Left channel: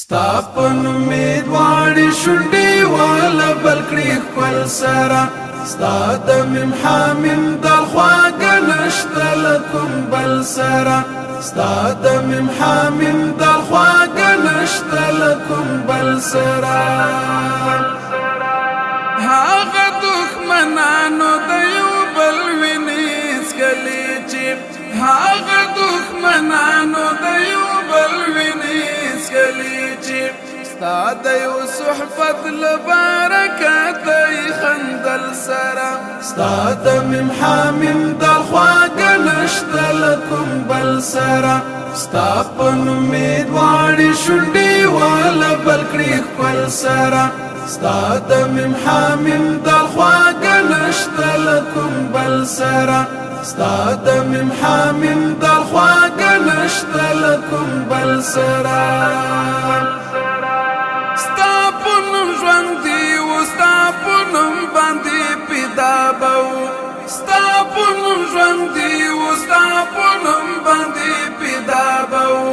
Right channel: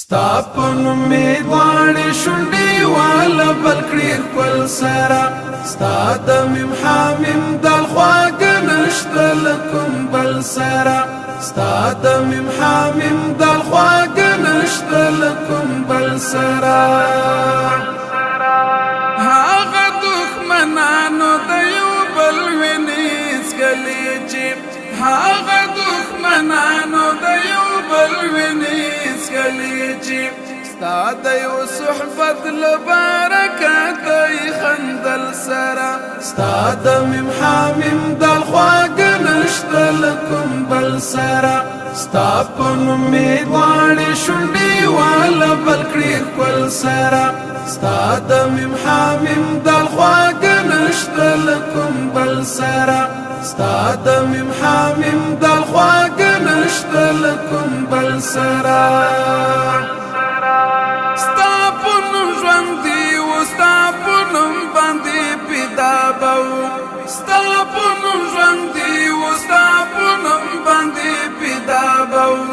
ستا په نومې دواړې شونډې واله بل کړې ښکل سره ستا د میم حامیم دال خواږه نشته له کوم بل سره ستا د میم حامیم دال خواږه نشته له کوم بل سره هغه دښمنانو د یو بل وینې څکلې چې هغه دښمنانو د یو بل وینې څکلې چې ستا د یو صحبت له برکته یې خندل سره ستا د میم حامیم دال خواږه نشته له کوم بل سره ستا په نومې دواړې شونډې واله بل کړې ښکل سره ستا د میم حامیم دال خواږه نشته له کوم بل سره ستا د میم حامیم دال خواږه نشته له کوم بل سره ستا په نوم ژوندي و ستا په نوم باندې پیدا به و ستا په نوم ژوندي و ستا په نوم باندې پیدا به و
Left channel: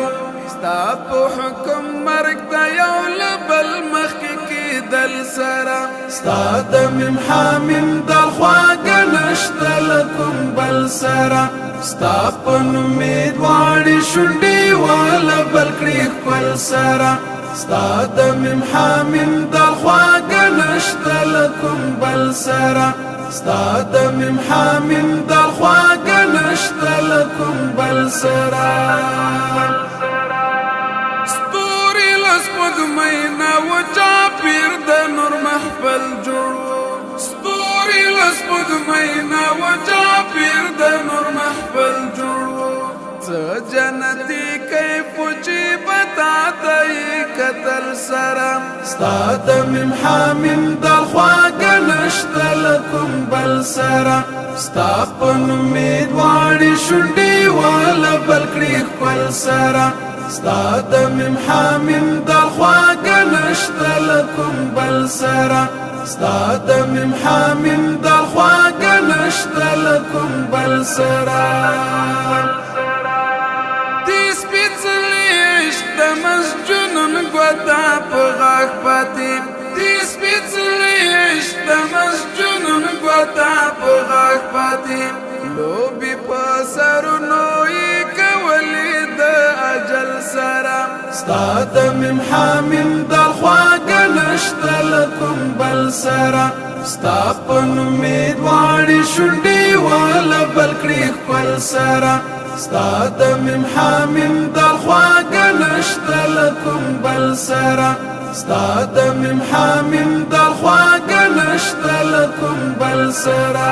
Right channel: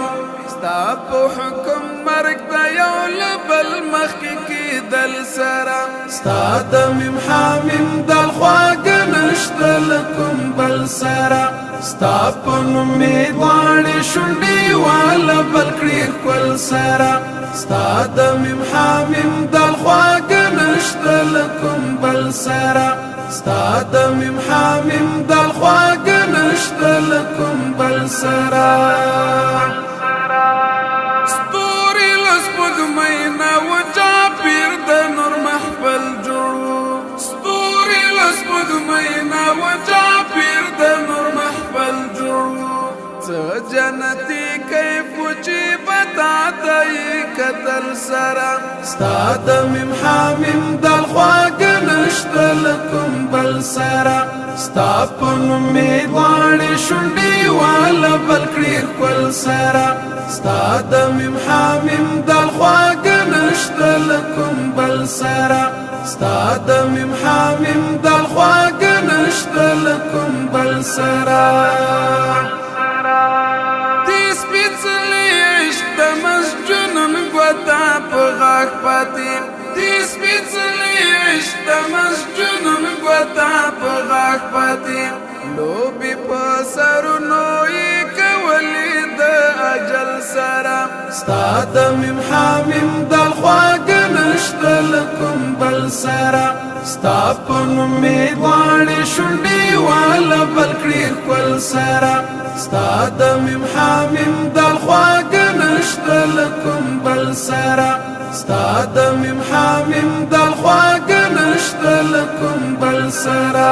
ستا په حکم مرګ د یو له بل مخکې کېدل سره ستا د میم حامیم دال خواږه نشته له کوم بل سره ستا په نومې دواړې شونډې واله بل کړې ښکل سره ستا د میم حامیم دال خواږه نشته له کوم بل سره ستا د میم حامیم دال خواږه نشته له کوم بل سره ستوري له سپوږمۍ نه وچا پیر د نور محفل جوړو ستوري له سپوږمۍ نه وچا پیر د نور محفل جوړو څه جنتي کیف چې بتا ته کتل سره ستا د میم حامیم دال خواږه نشته له کوم بل سره ستا په نومې دواړې شونډې واله بل کړې ښکل سره ستا د میم حامیم دال خواږه نشته له کوم بل سره ستا د میم حامیم دال خواږه نشته له کوم بل سره سپېڅلی عشق د مسجونن ګوته په غاښ پاتې دې سپېڅلی عشق د مسجونن ګوته په غاښ پاتې لوبې په سرونو یې کولې د اجل سره ستا د میم حامیم دال خواږه نشته له کوم بل سره ستا په نومې دواړې شونډې واله بل کړې ښکل سره ستا د میم حامیم دال خواږه نشته له کوم بل سره ستا د میم حامیم دال خواږه نشته له کوم بل سره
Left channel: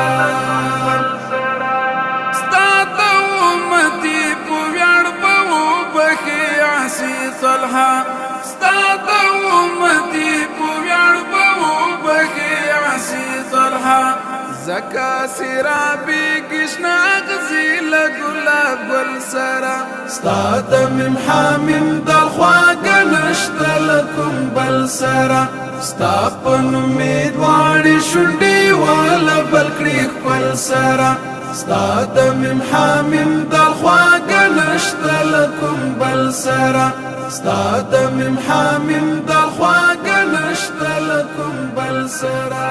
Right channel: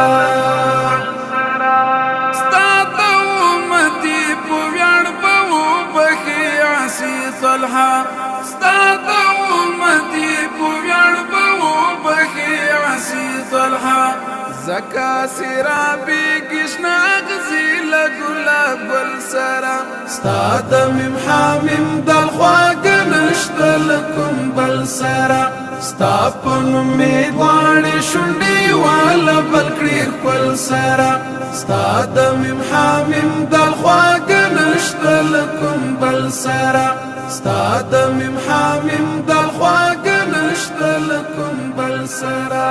ستا د امتي په ویاړ به وبښي عصي طلحه ستا د امتي په ویاړ به وبښي عصي طلحه زکا سرابی گشنا اغزی لگلاب گل سرا ستا د میم حامیم دال خواږه نشته له کوم بل سره ستا په نومې دواړې شونډې واله بل کړې ښکل سره ستا د میم حامیم دال خواږه نشته له کوم بل سره ستا د میم حامیم دال خواږه نشته له کوم بل سره